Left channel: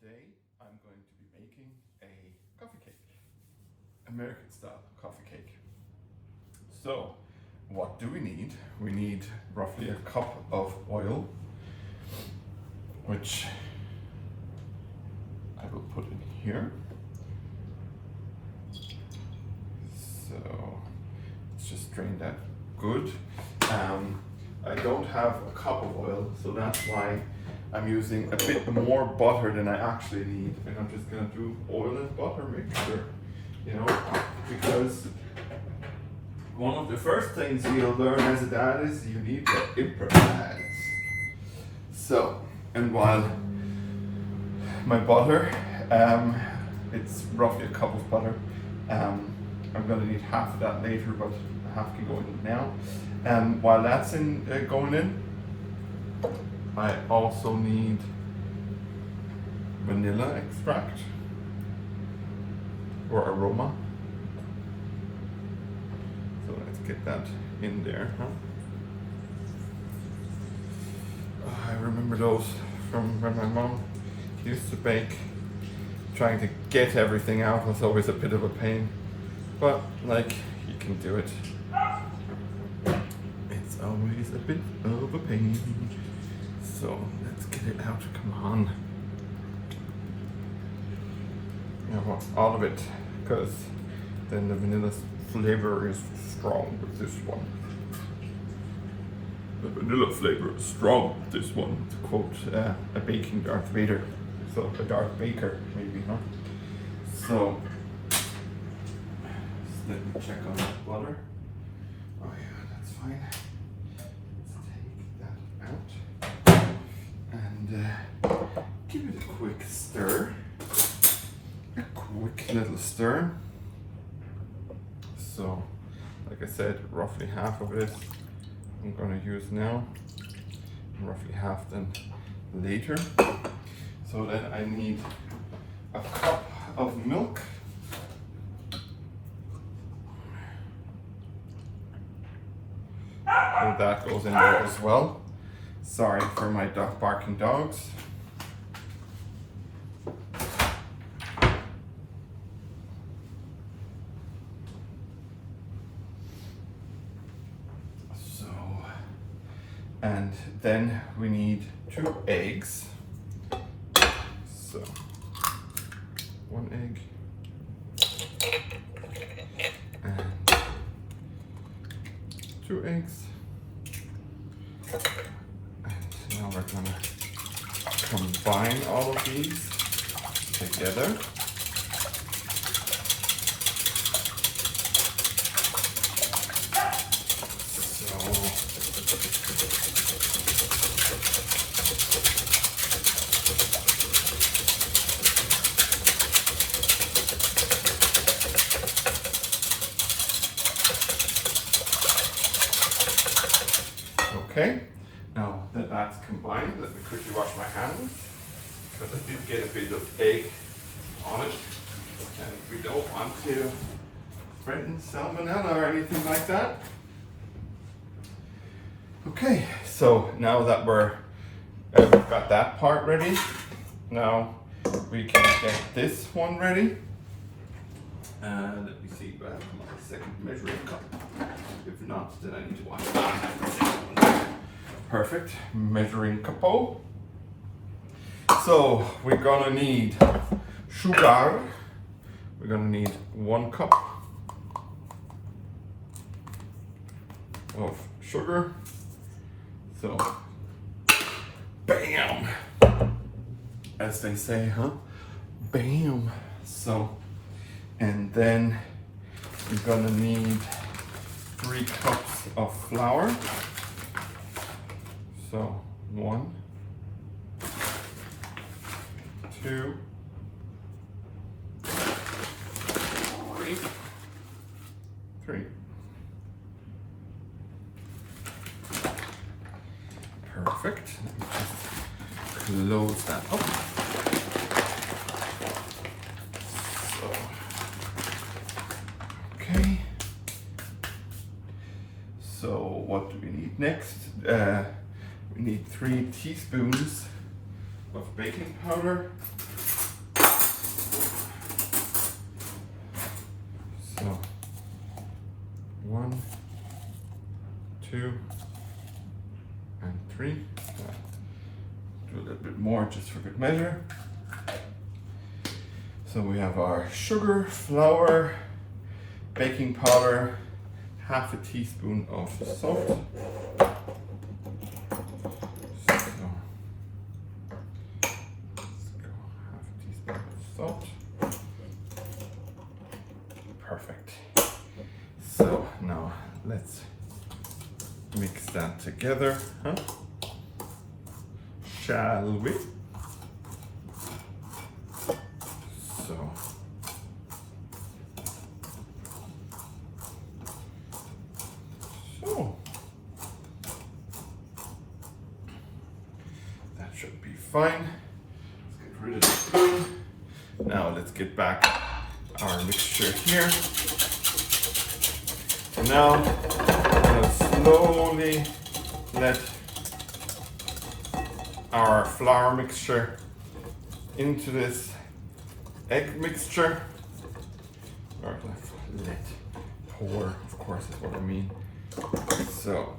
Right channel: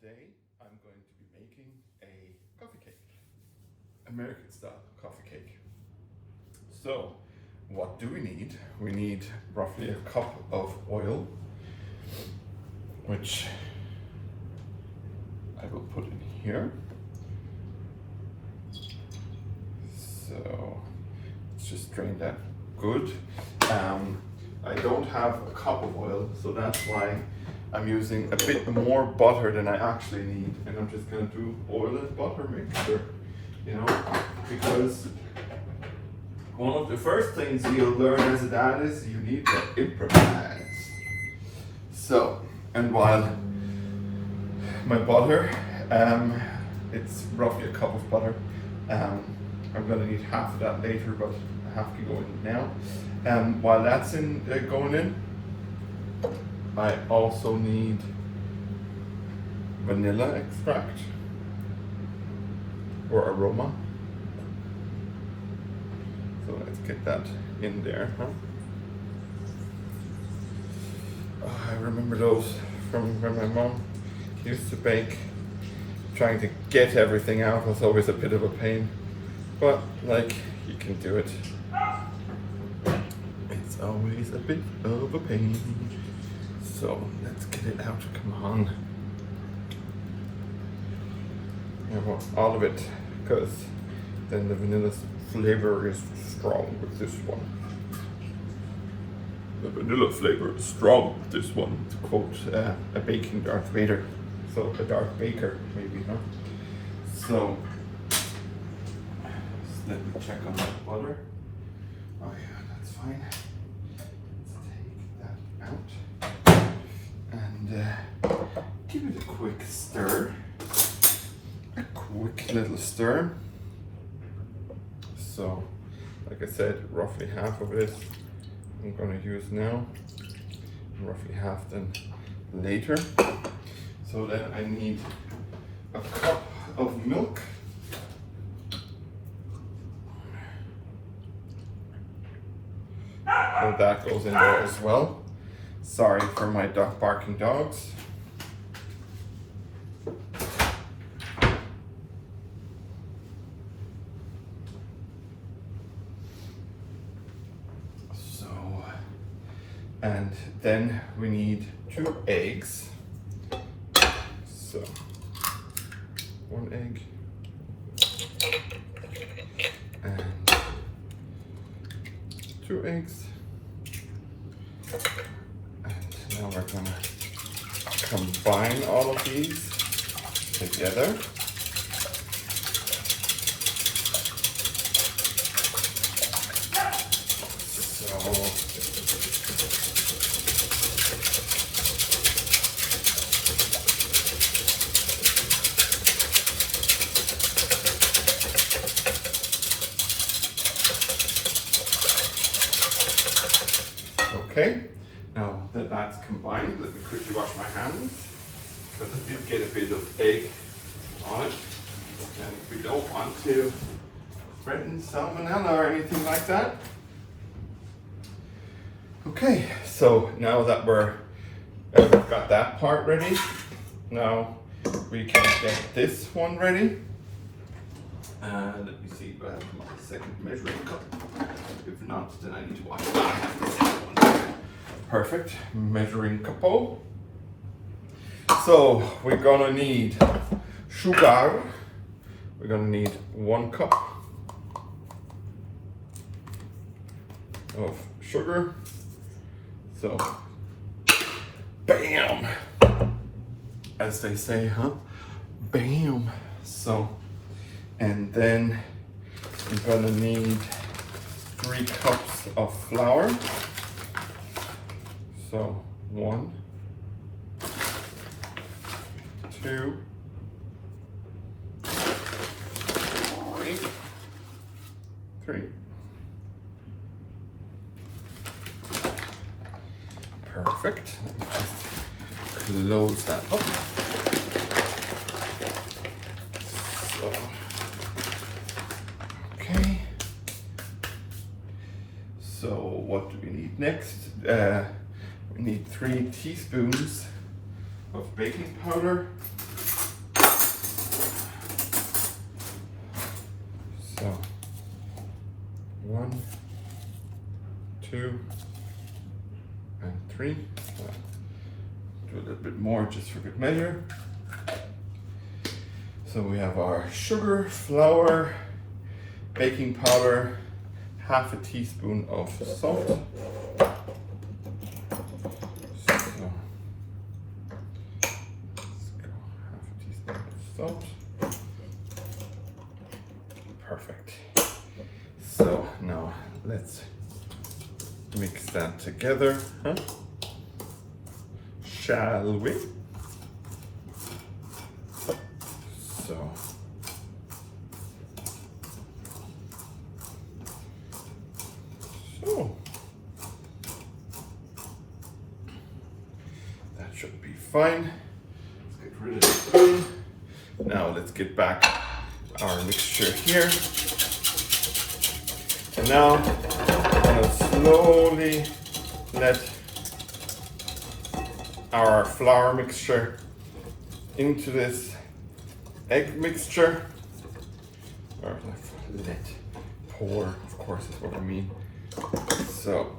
Today I'm going to be making a coffee cake, American style coffee cake. So what do we need? We need roughly a cup of oil, which I will put in here. So let's just drain that good. I don't have a cup of oil, so that's why I'm using a bit more butter than I actually need, and I'm just gonna do oil and butter mixture, you know, because one of the first things you'll learn as a dad is you need to improvise. So, and while my butter, it's roughly a cup of butter, I'm gonna need half of that later, but I have to go in now. While that's going in, I also need vanilla extract or aroma. So let's get that in there, huh? Oh, I remember those from when my mom used to bake. Trying to get everything out was always a bit of a pain, but like, you can do it. It's always a bit of a pain. So let's get it out, come on. I want all of it, because then the vanilla flavor is strong with this one. The vanilla flavor is strong with this one, to quote a baking Darth Vader. So a Darth Baker, maybe, huh? So, just let me check on the butter. Oh yeah, that's fine. Give it a quick stir, a quick little stir. So, like I said, roughly half of this I'm going to use now, roughly half then later. So then I need a cup of milk. So that goes in there as well. Sorry for my barking dogs. So, and then we need 2 eggs. So, 1 egg and 2 eggs. Now we're gonna combine all of these together. Okay. Now that that's combined, let me quickly wash my hands, because I did get a bit of egg on it, and we don't want to threaten salmonella or anything like that. Okay, so now that we've got that part ready, now we can get this one ready. Let me see if I have my second measuring cup. If not, then I need to wash my hands. Perfect, measuring cup. So we're gonna need sugar. We're gonna need 1 cup of sugar. So, bam, as they say, huh? Bam. So, and then we're gonna need 3 cups of flour. So 1, 2, 3. Perfect. Let me just close that up. So, okay. So what do we need next? We need 3 teaspoons of baking powder. So 1, 2, and 3. Do a little bit more just for good measure. So we have our sugar, flour, baking powder, half a teaspoon of salt. So, let's go half a teaspoon of salt. Perfect. So now let's mix that together, huh? Shall we? So that should be fine. Let's get rid of the spoon. Now let's get back our mixture here. And now I'm gonna slowly let our flour mixture into this egg mixture. Or let pour, of course, is what I mean. So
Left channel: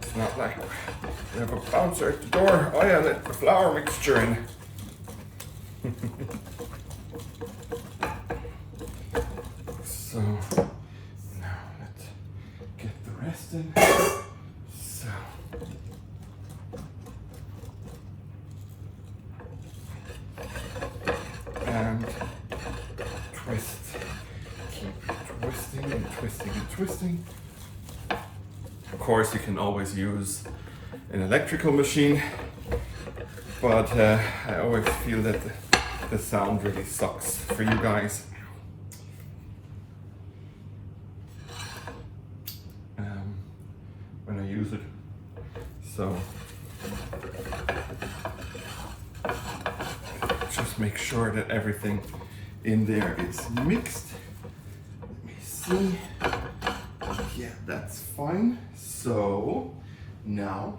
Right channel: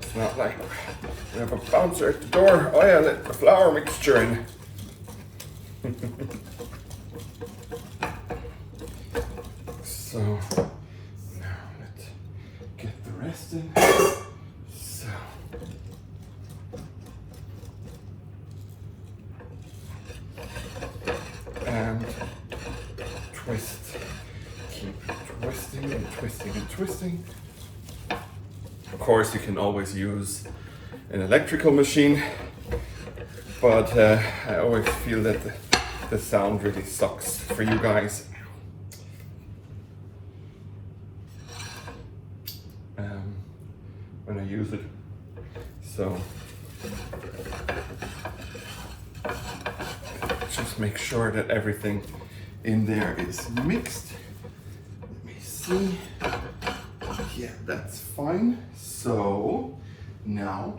it's not like we have a bouncer at the door. Oh yeah, let the flour mixture in. So now let's get the rest in. So and twist. Keep twisting and twisting and twisting. Of course, you can always use an electrical machine, but I always feel that the sound really sucks for you guys. When I use it. So just make sure that everything in there is mixed. Let me see. Yeah, that's fine. So now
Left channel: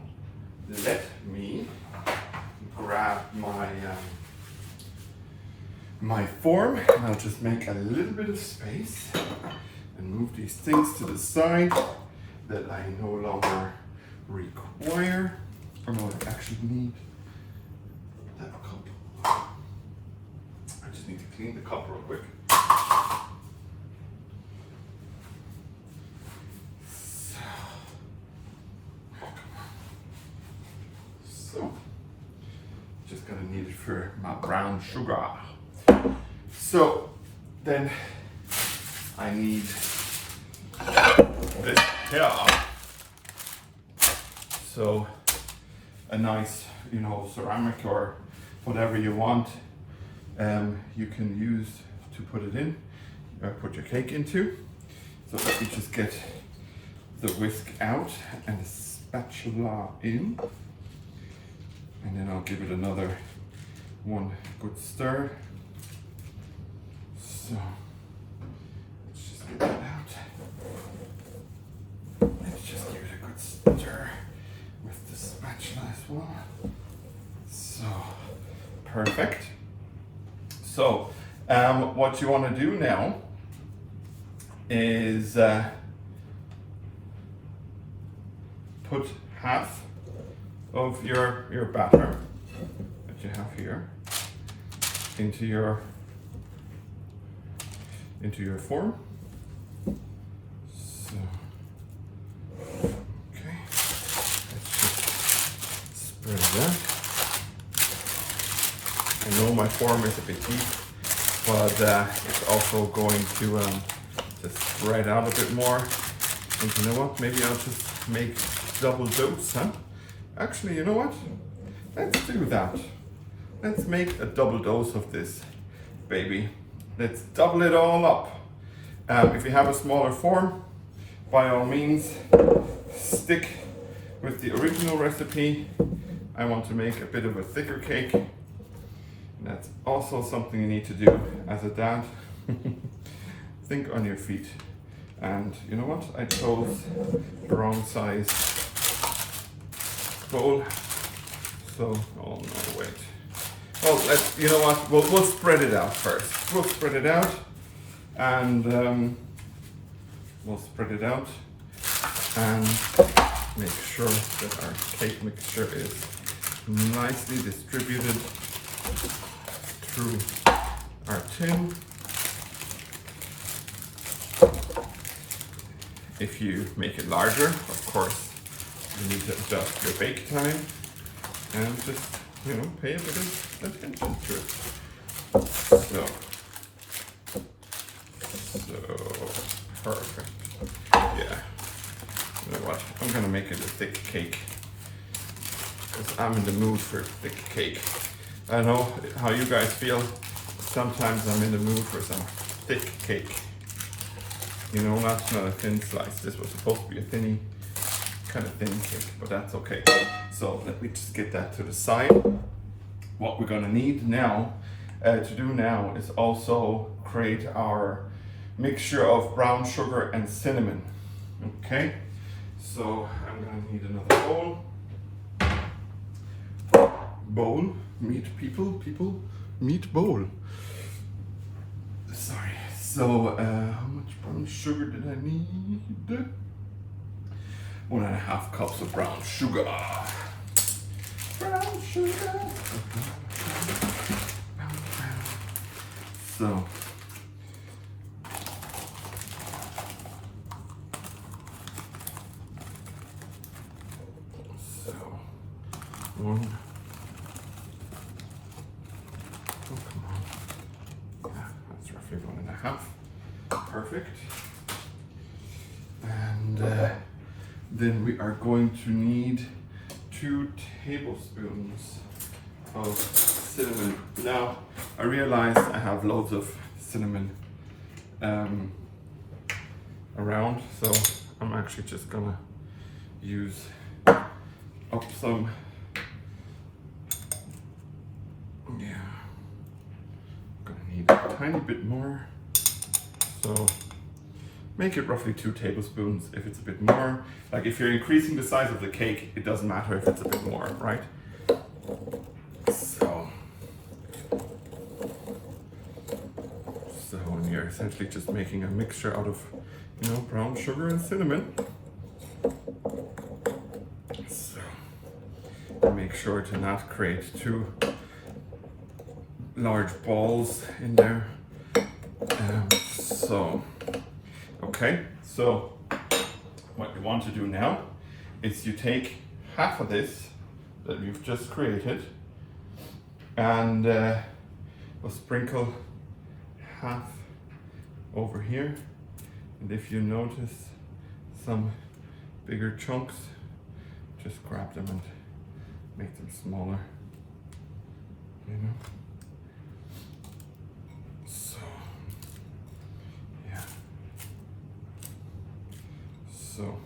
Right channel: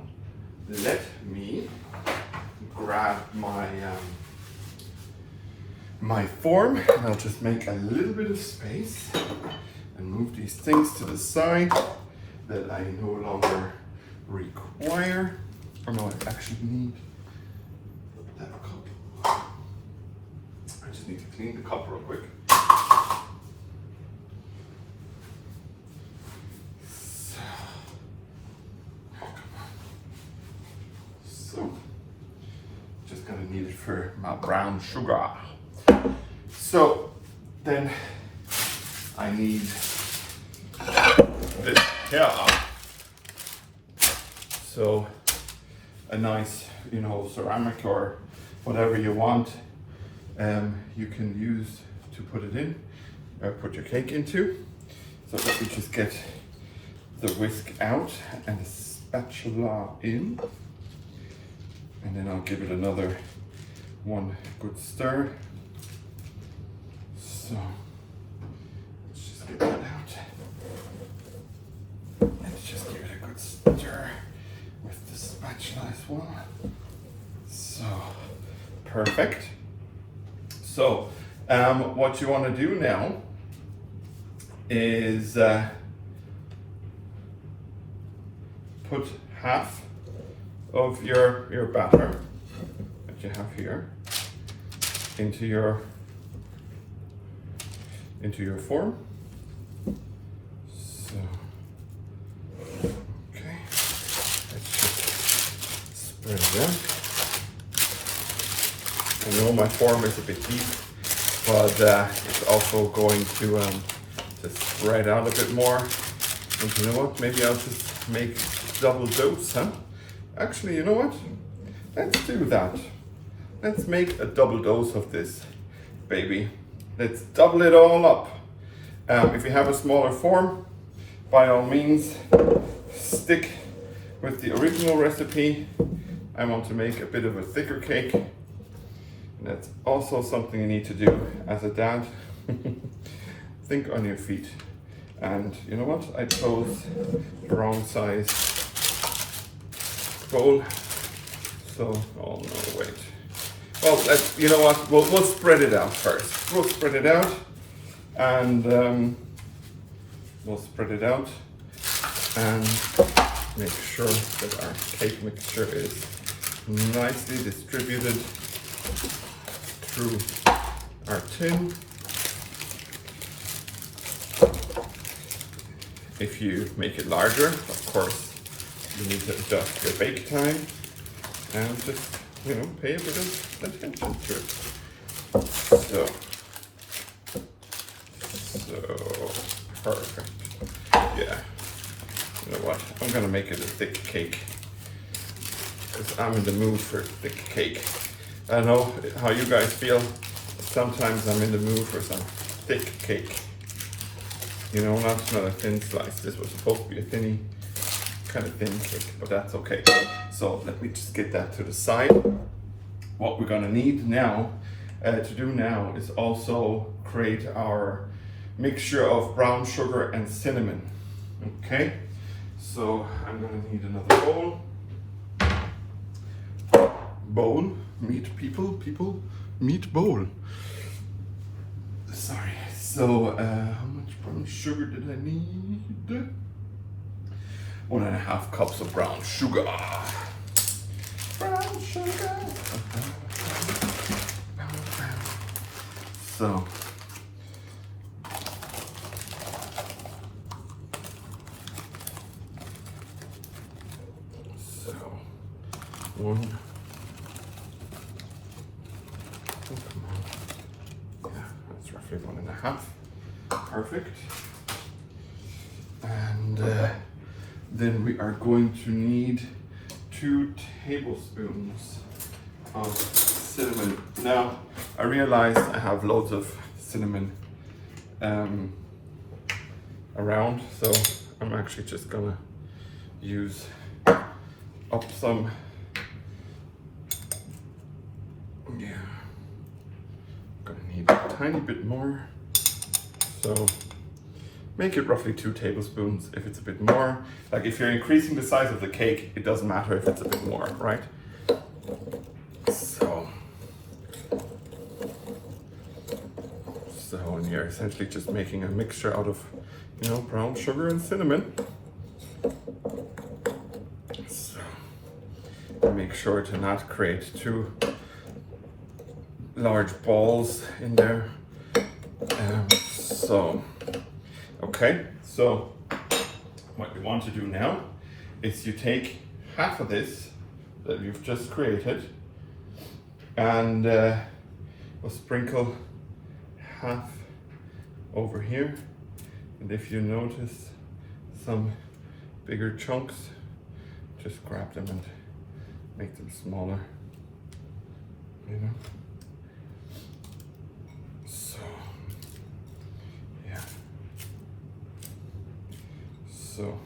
let me grab my form, and I'll just make a little bit of space and move these things to the side that I no longer require, or no, I actually need that cup. I just need to clean the cup real quick. So, just gonna need it for my brown sugar. So, then I need this here. So, a nice, ceramic or whatever you want, you can use to put it in, or put your cake into. So let me just get the whisk out and the spatula in, and then I'll give it another one good stir. So let's just get that out. Let's just give it a good stir with the spatula as well. So perfect. So what you want to do now is put half of your batter that you have here into your form. So okay, let's just spread it out. I know my form is a bit deep, but it's also going to spread out a bit more. And you know what? Maybe I'll just make double dose, huh? Actually, you know what? Let's do that. Let's make a double dose of this, baby. Let's double it all up. If you have a smaller form, by all means, stick with the original recipe. I want to make a bit of a thicker cake. And that's also something you need to do as a dad. Think on your feet. And you know what? I chose the wrong size bowl. So, oh no, wait. Oh, you know what? We'll spread it out first. We'll spread it out. and we'll spread it out and make sure that our cake mixture is nicely distributed through our tin. If you make it larger, of course, you need to adjust your bake time and just, you know, pay a bit of attention to it. So perfect. Yeah. You know what? I'm gonna make it a thick cake because I'm in the mood for thick cake. I know how you guys feel. Sometimes I'm in the mood for some thick cake. You know, not a thin slice. This was supposed to be a kind of thin cake, but that's okay. So let me just get that to the side. What we're gonna need now to do now is also create our mixture of brown sugar and cinnamon. Okay, so I'm gonna need another meat bowl. Sorry. So how much brown sugar did I need? 1.5 cups of brown sugar. Brown sugar. So one. Oh, come on. Yeah, that's roughly 1.5. Perfect. And then we are going to need 2 tablespoons of cinnamon. Now, I realized I have loads of cinnamon around, so I'm actually just gonna use up some. Yeah, I'm gonna need a tiny bit more. So make it roughly 2 tablespoons if it's a bit more. Like if you're increasing the size of the cake, it doesn't matter if it's a bit more, right? And you're essentially just making a mixture out of, you know, brown sugar and cinnamon. So make sure to not create too large balls in there. Okay, so what you want to do now is you take half of this that you've just created and we'll sprinkle half over here, and if you notice some bigger chunks, just grab them and make them smaller, you know. So yeah, so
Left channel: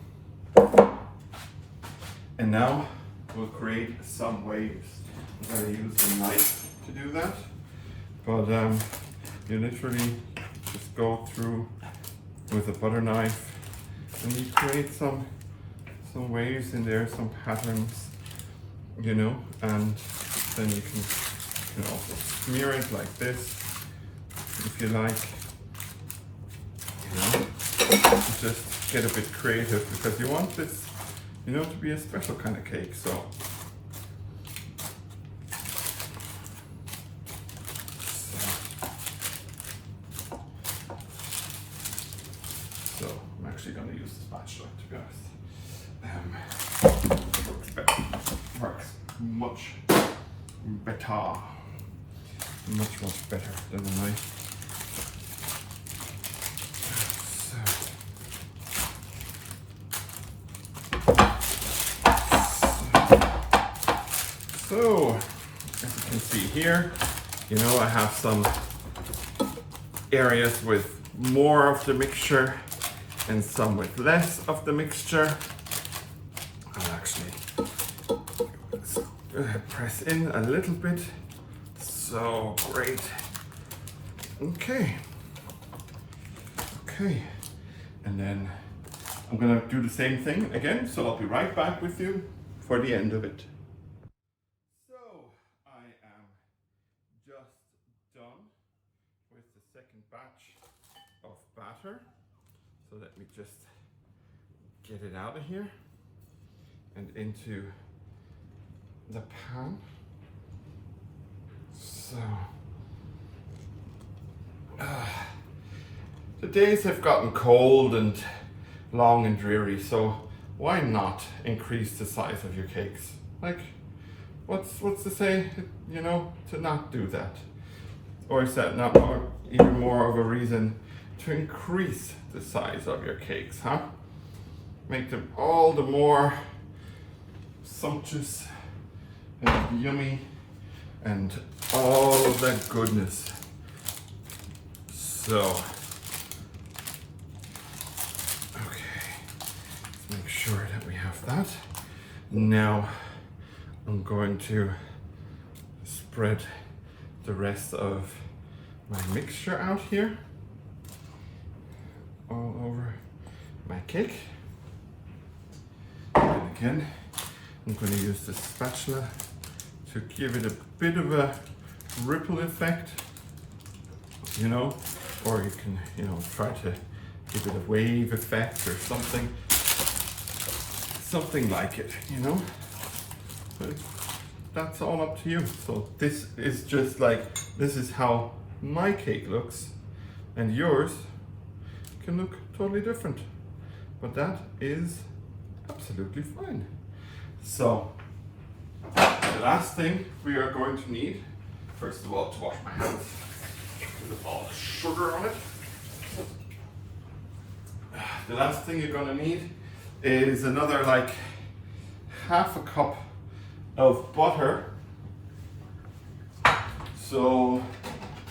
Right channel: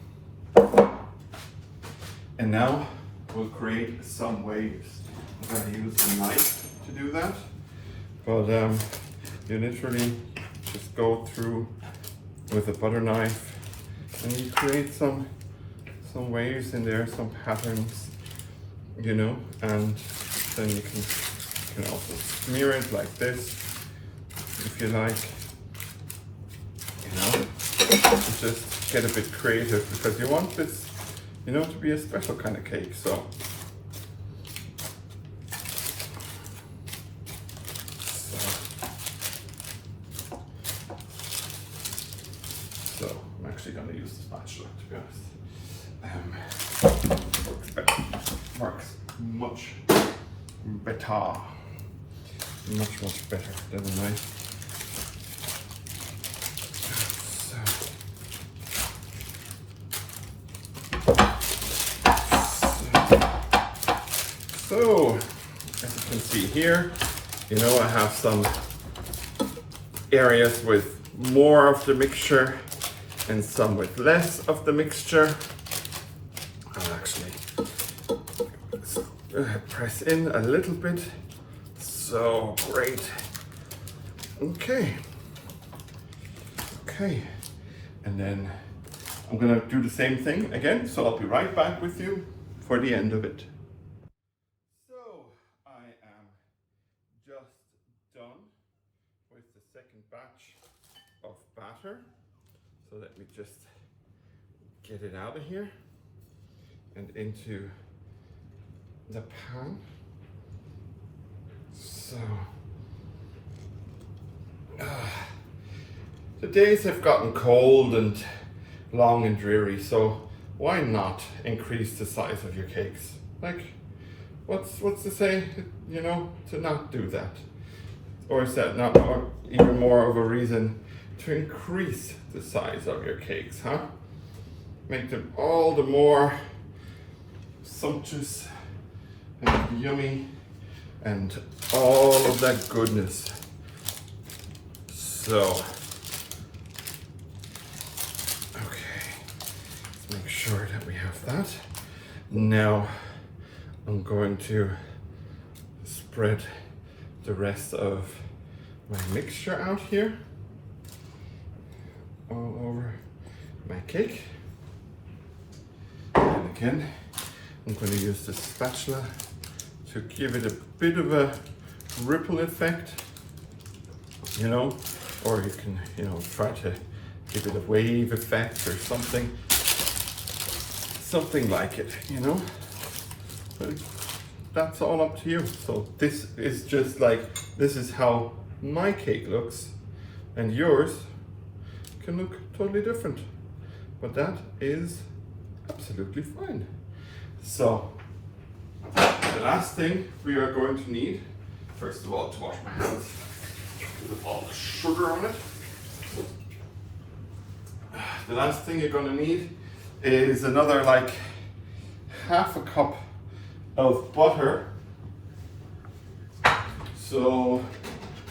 and now we'll create some waves. I'm going to use a knife to do that, but you literally just go through with a butter knife and you create some waves in there, some patterns, you know, and then you can also smear it like this if you like, you know. Just get a bit creative because you want this, you know, to be a special kind of cake. So I'm actually going to use the spatula, to be honest. Works much better than a knife. So as you can see here, you know, I have some areas with more of the mixture and some with less of the mixture. I'll actually press in a little bit. So great. Okay, and then I'm gonna do the same thing again, so I'll be right back with you for the end of it. So I am just done with the second batch of batter. So let me just get it out of here and into the pan. So the days have gotten cold and long and dreary, so why not increase the size of your cakes? Like, what's to say, you know, to not do that? Or is that not even more of a reason to increase the size of your cakes, huh? Make them all the more sumptuous and yummy and all of that goodness. So, okay, let's make sure that we have that. Now, I'm going to spread the rest of my mixture out here all over my cake. And again, I'm going to use the spatula to give it a bit of a ripple effect, you know, or you can, you know, try to give it a wave effect or something like it, you know. But that's all up to you. So this is just like, this is how my cake looks, and yours can look totally different, but that is absolutely fine. So the last thing we are going to need, first of all, to wash my hands with all the sugar on it. The last thing you're going to need is another like half a cup of butter. So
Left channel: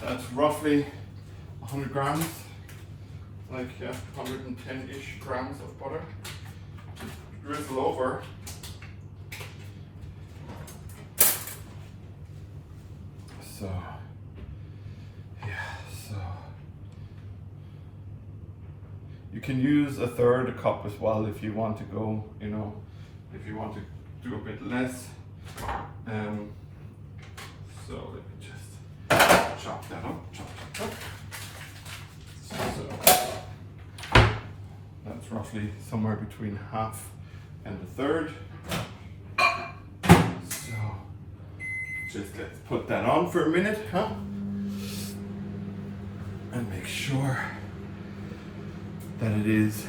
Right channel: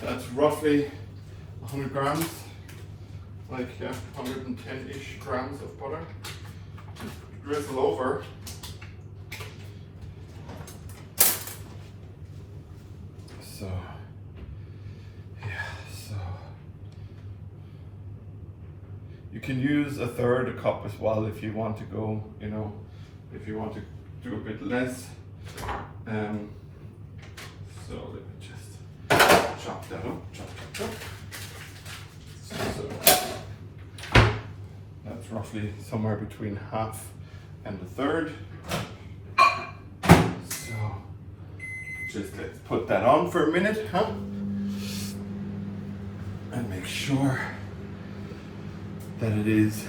that's roughly 100 grams, like 110-ish grams of butter. Drizzle over. So, yeah, so you can use a third a cup as well if you want to go, you know, if you want to do a bit less. So let me just chop that up, chop. So that's roughly somewhere between half and a third. So just let's put that on for a minute, huh? And make sure that it is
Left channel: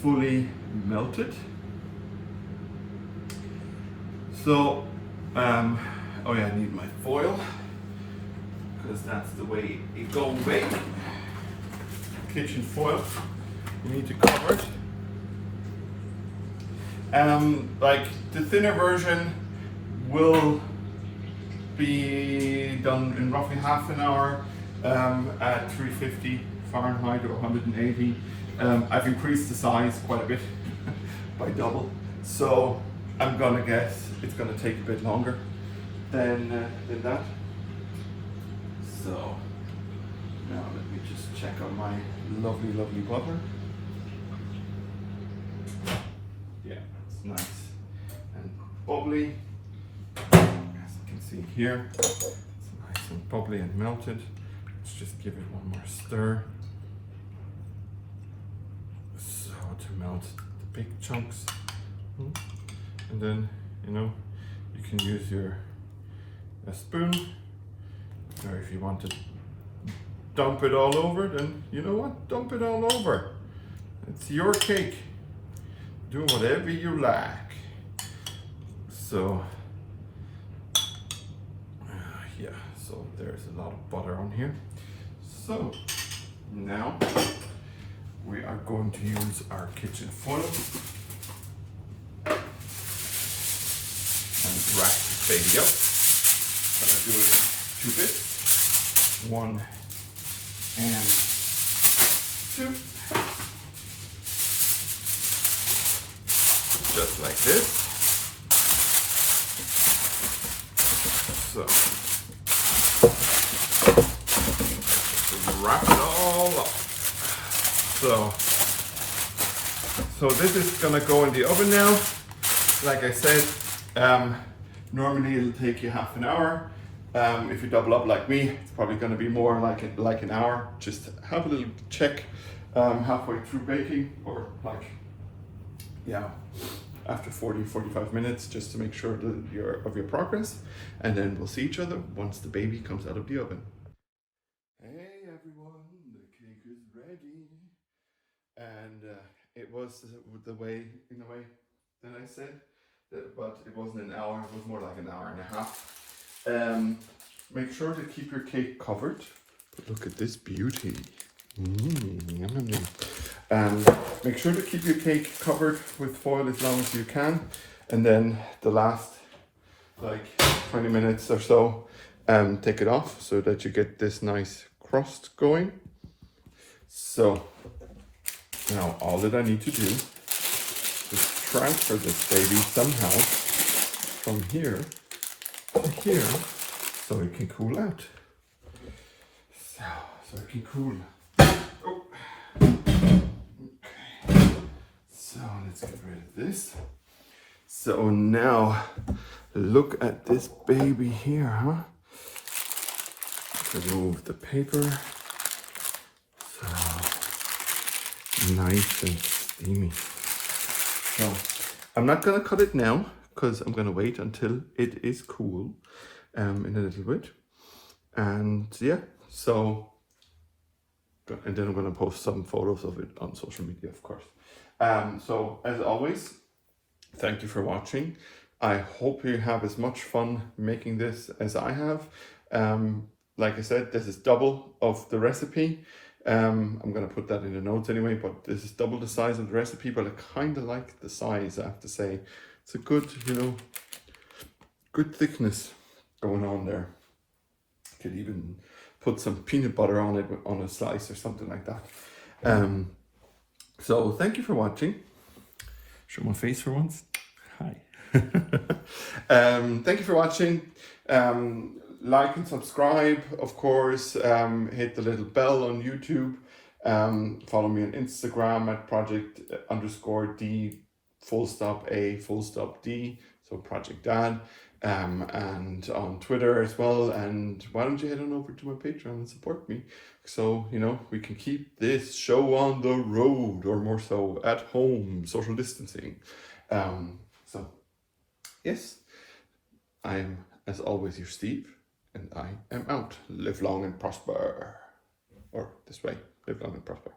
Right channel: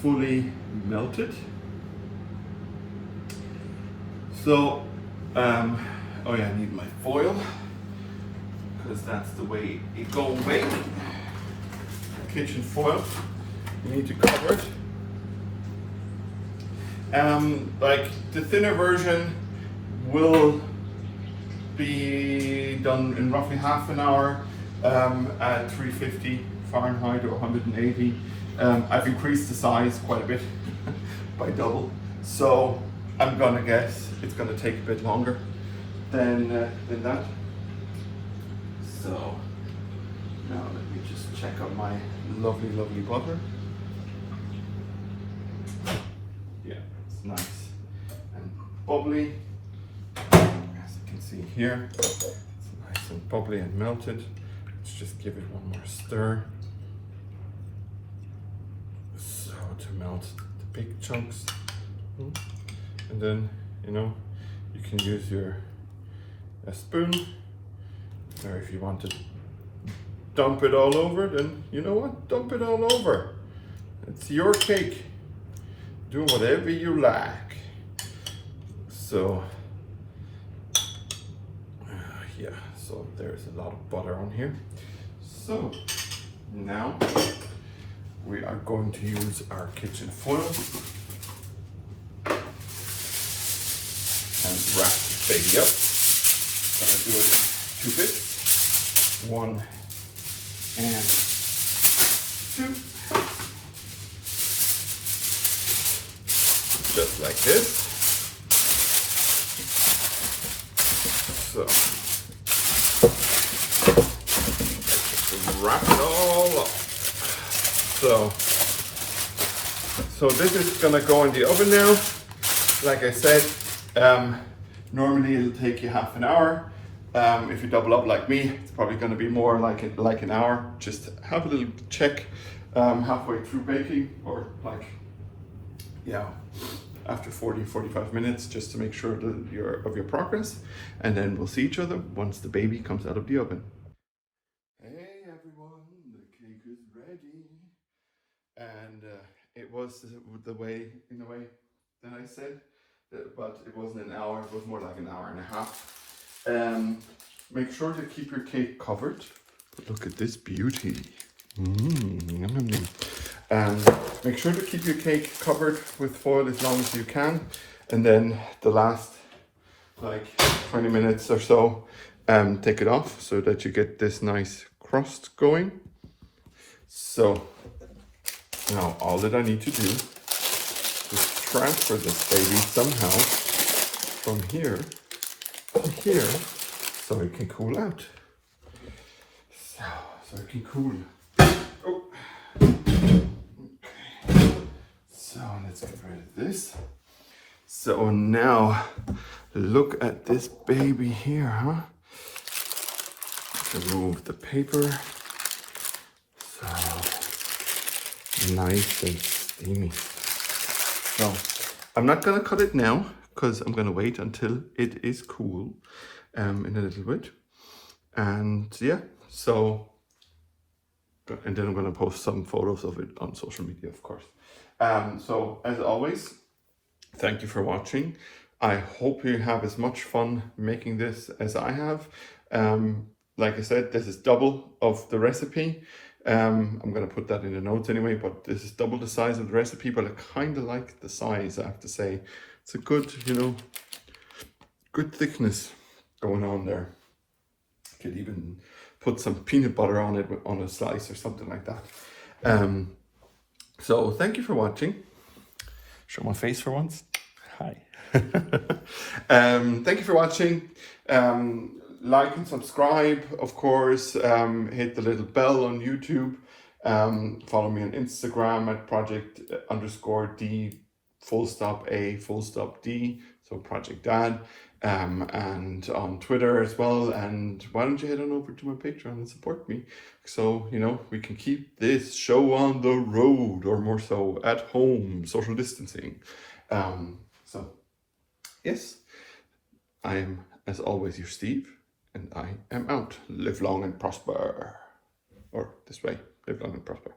fully melted. So, oh yeah, I need my foil, because that's the way it goes away. Kitchen foil, you need to cover it. Like the thinner version will be done in roughly half an hour at 350 Fahrenheit or 180. I've increased the size quite a bit by double, so I'm gonna guess it's gonna take a bit longer than that. So now let me just check on my lovely butter. Yeah, it's nice and bubbly. As you can see here, it's nice and bubbly and melted. Let's just give it one more stir. So to melt the big chunks. And then, you know, you can use a spoon, or if you want to dump it all over, then you know what, dump it all over. It's your cake. Do whatever you like. So, yeah, so there's a lot of butter on here. So, now we are going to use our kitchen foil and wrap this baby up. I'm gonna do it in 2 bits. 1 and 2. Just like this. So let's wrap it all up. So this is gonna go in the oven now. Like I said, normally it'll take you half an hour. If you double up like me, it's probably going to be more like an hour. Just have a little check halfway through baking, or like, yeah, after 40-45 minutes, just to make sure that of your progress, and then we'll see each other once the baby comes out of the oven. Hey everyone, the cake is ready, and it was the way, in a way, that I said, but it wasn't an hour, it was more like an hour and a half. Make sure to keep your cake covered. Look at this beauty. Make sure to keep your cake covered with foil as long as you can, and then the last like 20 minutes or so, take it off so that you get this nice crust going. So now all that I need to do is transfer this baby somehow from here to here so it can cool out. So it can cool. Oh. Okay. So let's get rid of this. So now look at this baby here, huh? Remove the paper. So nice and steamy. So I'm not gonna cut it now because I'm gonna wait until it is cool in a little bit. And yeah, so, and then I'm gonna post some photos of it on social media, of course. So as always, thank you for watching. I hope you have as much fun making this as I have. Like I said, this is double of the recipe. I'm going to put that in the notes anyway, but this is double the size of the recipe, but I kind of like the size, I have to say. It's a good, good thickness going on there. Could even put some peanut butter on it on a slice or something like that. So thank you for watching. Show my face for once. Hi. Thank you for watching. Like and subscribe, of course. Hit the little bell on YouTube. Follow me on Instagram at project_D _A_D, so Project Dad, and on Twitter as well. And why don't you head on over to my Patreon and support me, so we can keep this show on the road, or more so at home, social distancing. So yes, I am as always your Steve, and I am out. Live long and prosper. Or this way, live long and prosper.